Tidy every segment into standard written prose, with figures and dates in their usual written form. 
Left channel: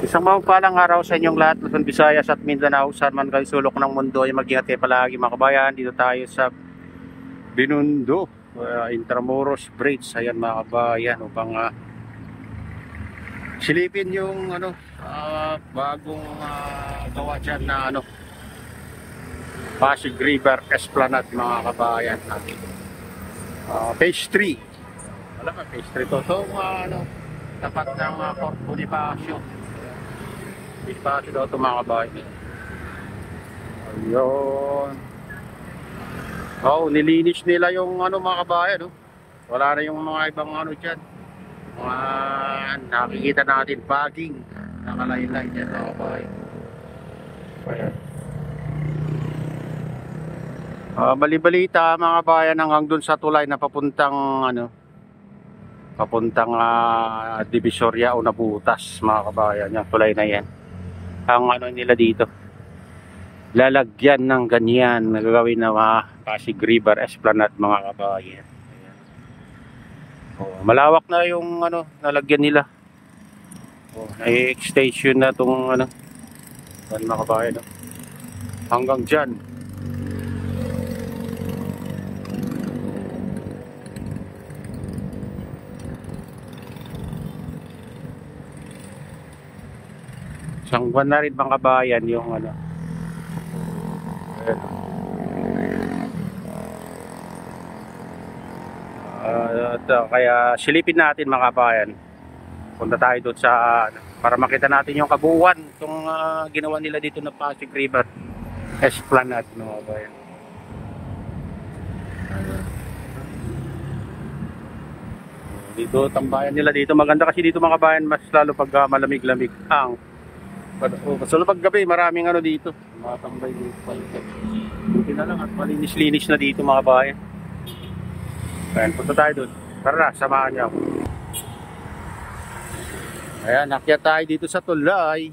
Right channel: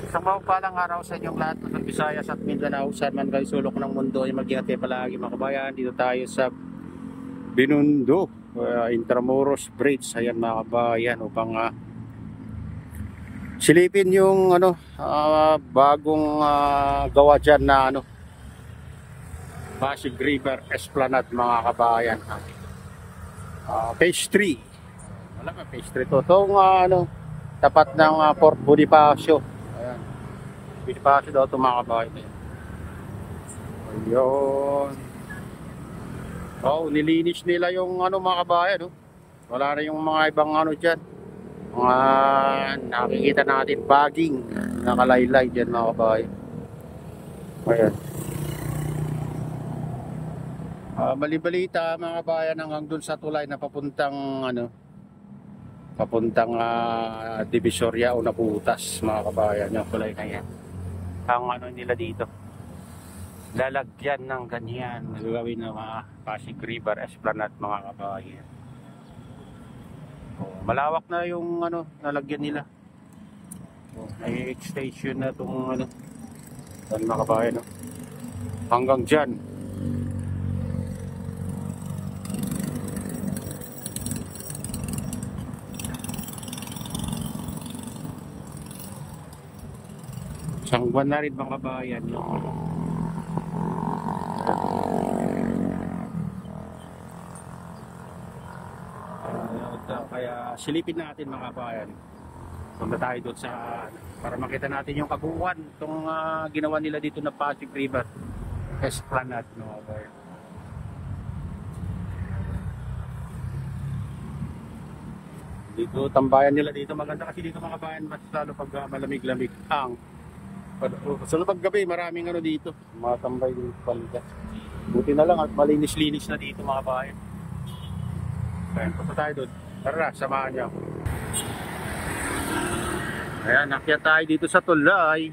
Isang mapagpalang araw sa inyong lahat, Luzon, Visayas at Mindanao. Saan man kayo sulok ng mundo ay mag-ingat kayo palagi mga kabayan. Dito tayo sa Binondo, Intramuros Bridge. Ayan mga kabayan, upang silipin yung bagong gawa dyan na Pasig River Esplanade mga kabayan. Phase 3. Wala pa phase 3 to. Itong tapat ng Fort Bonifacio. Bonifacio daw ito mga kabayan. Ayun. Oh, nilinis nila yung mga kabayan. Wala na yung mga ibang dyan. Mga nakikita natin bagging nakalaylay dyan mga kabayan. Ayan. Bali-balita mga kabayan hanggang dun sa tulay na papuntang Divisoria o Nabutas mga kabayan. Yung tulay na yan. Ang nila dito, lalagyan ng ganyan nagagawin na Pasig River Esplanade mga kabayan. Malawak na yung nalagyan nila. Extension na itong mga kabayan. Hanggang dyan. Isang buwan na rin mga kabayan yung kaya silipin natin mga kabayan. Punta tayo doon sa para makita natin yung kabuuan itong ginawa nila dito na Pasig River Esplanade mga kabayan. Dito tambayan nila dito, maganda kasi dito mga kabayan, mas lalo pag malamig-lamig ang so pag gabi maraming dito mga tambay dito palikat. Buti na lang at malinis-linis na dito mga kabayan. Ayan, punta tayo doon. Tara, samahan niyo ako. Ayan, nakyat tayo dito sa tulay.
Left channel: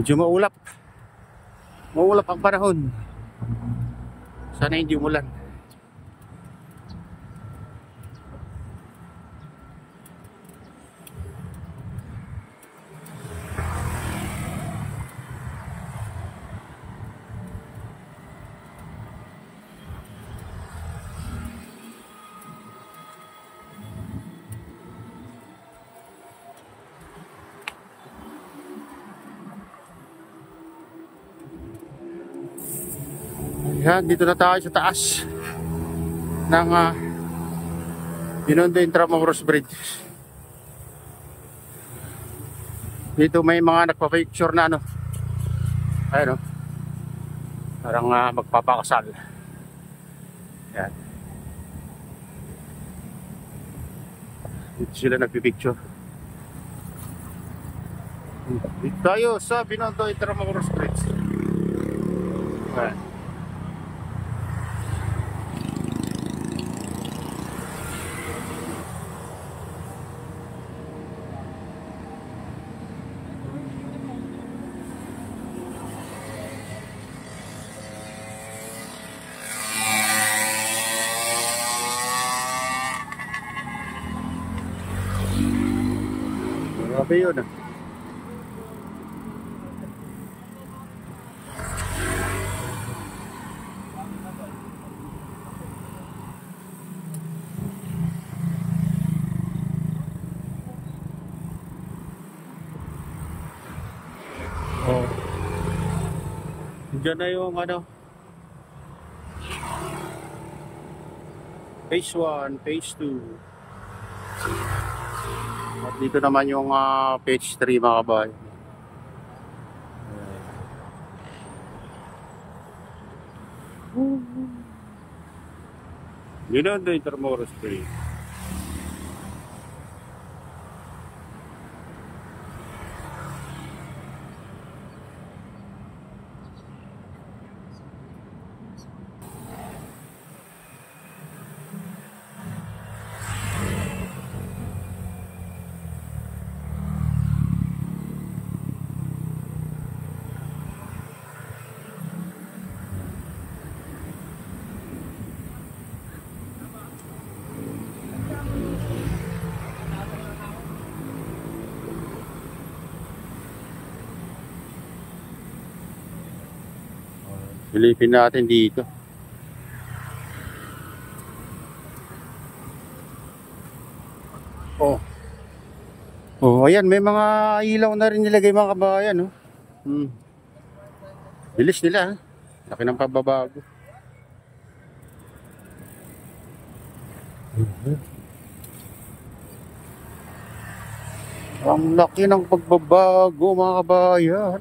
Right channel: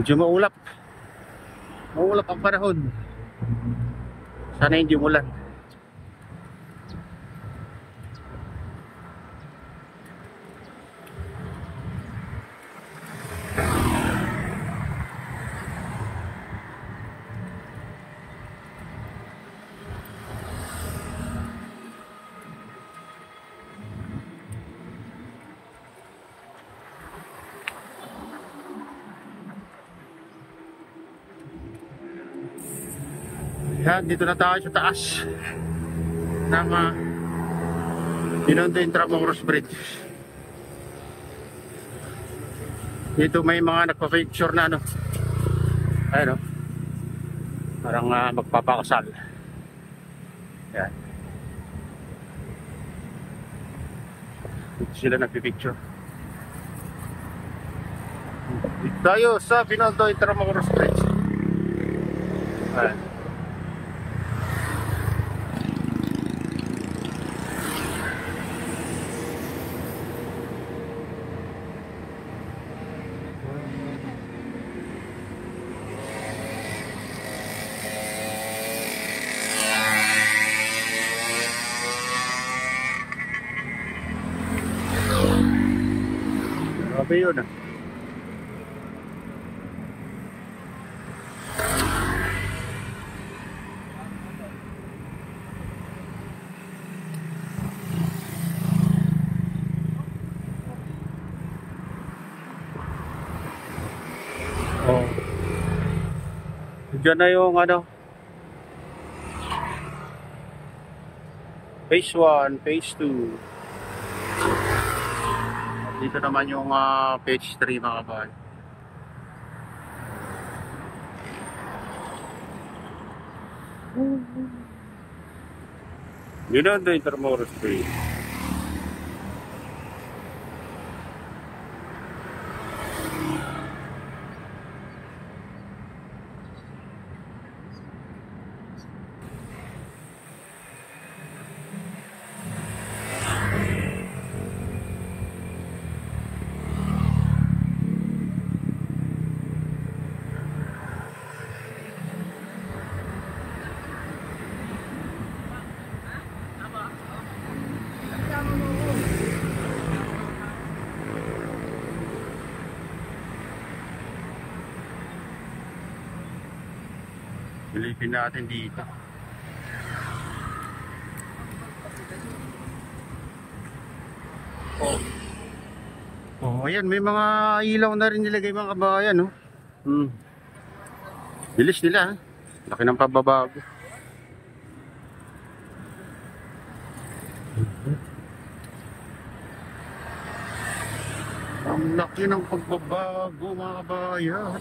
Medyo maulap ang panahon. Sana hindi umulan. Yan, dito na tayo sa taas ng Binondo Intramuros Bridge. Dito may mga nagpa-picture na ayun parang magpapakasal. Yan. Dito sila nagpipicture. Dito tayo sa Binondo Intramuros Bridge. Ayan. Grabe yun . Diyan na yung phase 1, phase 2. At dito naman yung phase 3 mga kabayan. Binondo Intramuros Bridge. Silipin natin dito. Oh. Oh, ayan, may mga ilaw na rin nilagay mga kabayan, no? Bilis nila, ha? Laki ng pagbabago. Ang laki ng pagbabago mga kabayan.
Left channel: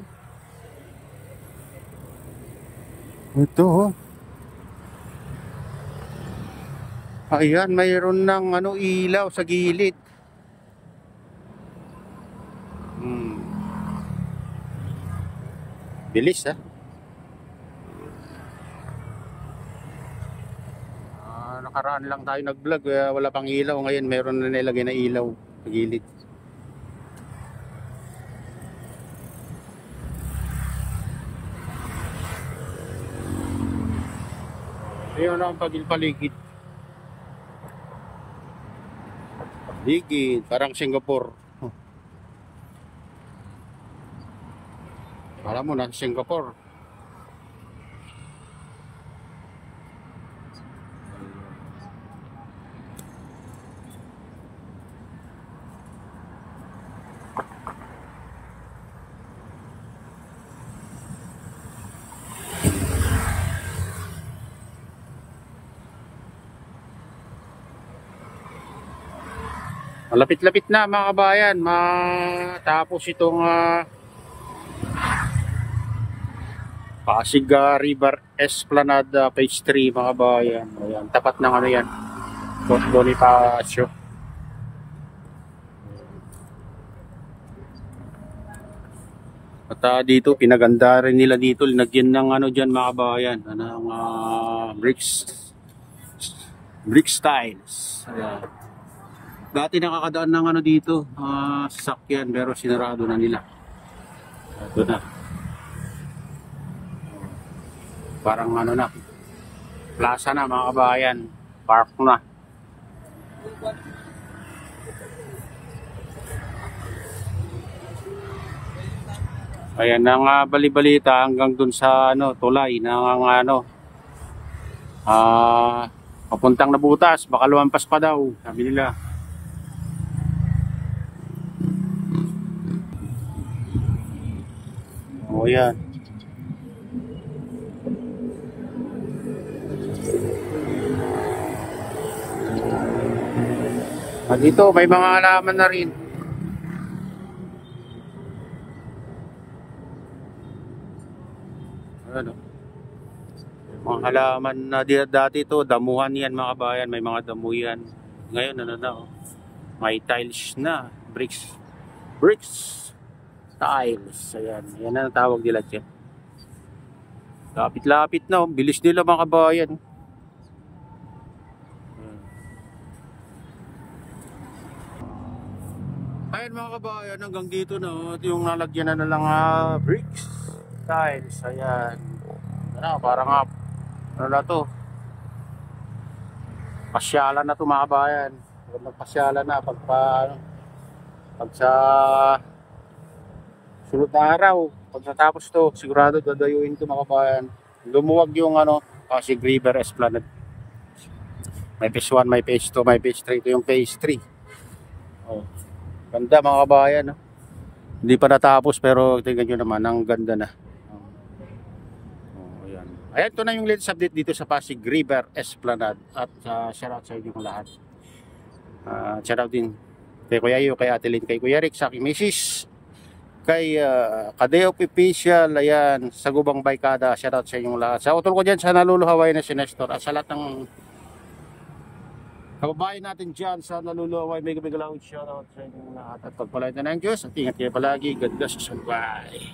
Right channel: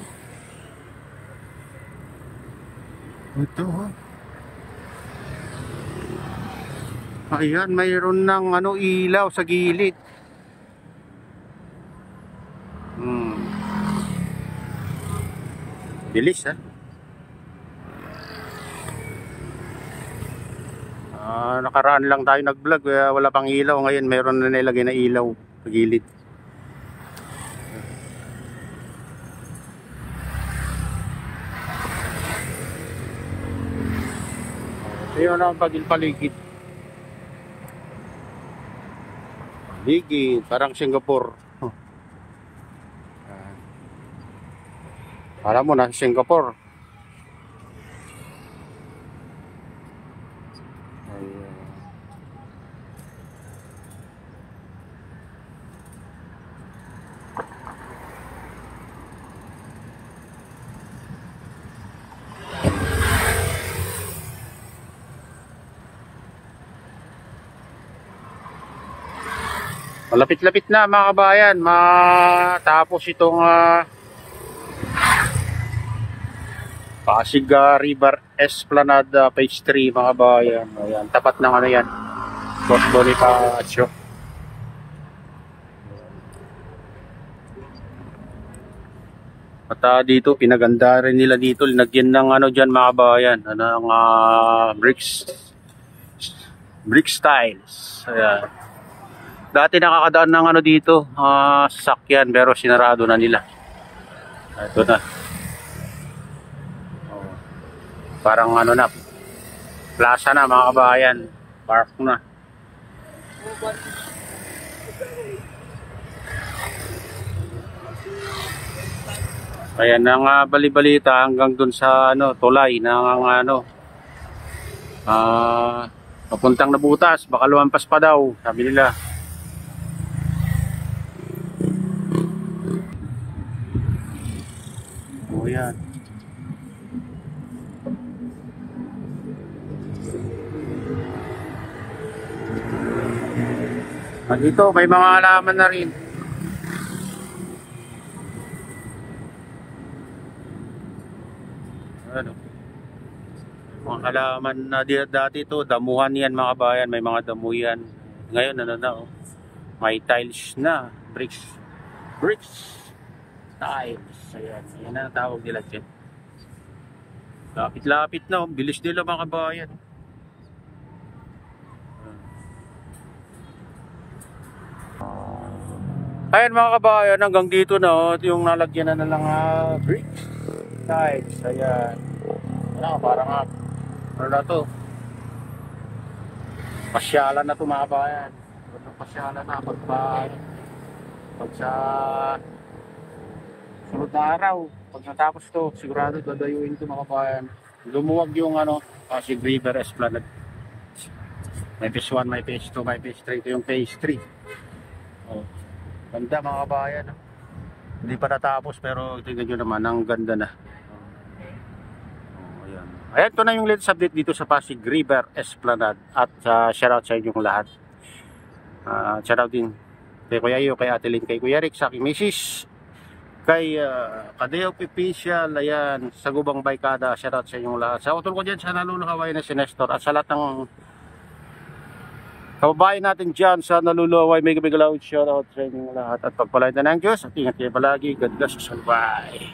Ito, oh. Ayan, mayroon ng ilaw sa gilid. Bilis, ha? Nakaraan lang tayo nag-vlog, kaya wala pang ilaw. Ngayon mayroon na nilagay na ilaw sa gilid. Ito yun ang paligid. Paligid, parang Singapore. Alam mo na, Singapore. Malapit-lapit na mga kabayan, matapos itong Pasig River Esplanade Phase 3 mga kabayan. Ayan, tapat ng yan, Fort Bonifacio. At dito, pinaganda rin nila dito, linagyan ng dyan mga kabayan, ng brick styles. Ayan. Dati nakakadaan ng dito, sasakyan, pero sinarado na nila. Ito na. Parang na, plaza na mga kabayan, park na. Ayan ang bali-balita hanggang dun sa tulay ng papuntang Nabutas, baka lumampas pa daw, sabi nila. O yan. Dito may mga halaman na rin. Mga halaman na dati ito, damuhan yan mga kabayan, may mga damo yan. Ngayon may tiles na, bricks tiles. Ayan na ang tawag nila dyan. Lapit-lapit na, bilis nila mga kabayan. Ayan mga kabayan, hanggang dito na yung nalagyan na lang bricks tiles. Ayan. Parang na to, pasyalan na to mga kabayan. Pasyalan na pag sa sunod na araw, pag natapos to, sigurado dadayuin to mga kabayan. Lumuwag yung Pasig River Esplanade. May phase 1, may phase 2, may phase 3. Ito yung phase 3. Ganda mga kabayan. Hindi pa natapos pero tingnan nyo naman, ang ganda na. Ayan, ito na yung latest update dito sa Pasig River Esplanade. At shoutout sa inyong lahat. Shoutout din kay Kuya Iyo, kay Ate Lynn, kay Kuya Rick, sa aking misis, kay Kadeo Official, ayan, sa Gubang Baykada. Shoutout sa inyong lahat. Sa utol ko dyan sa naluluhaway na si Nestor. At sa lahat ng kababayan natin dyan sa naluluhaway, may galaw, shoutout sa inyong lahat. At pagpalain na ng Diyos at ingat kayo palagi. God bless us all. Bye.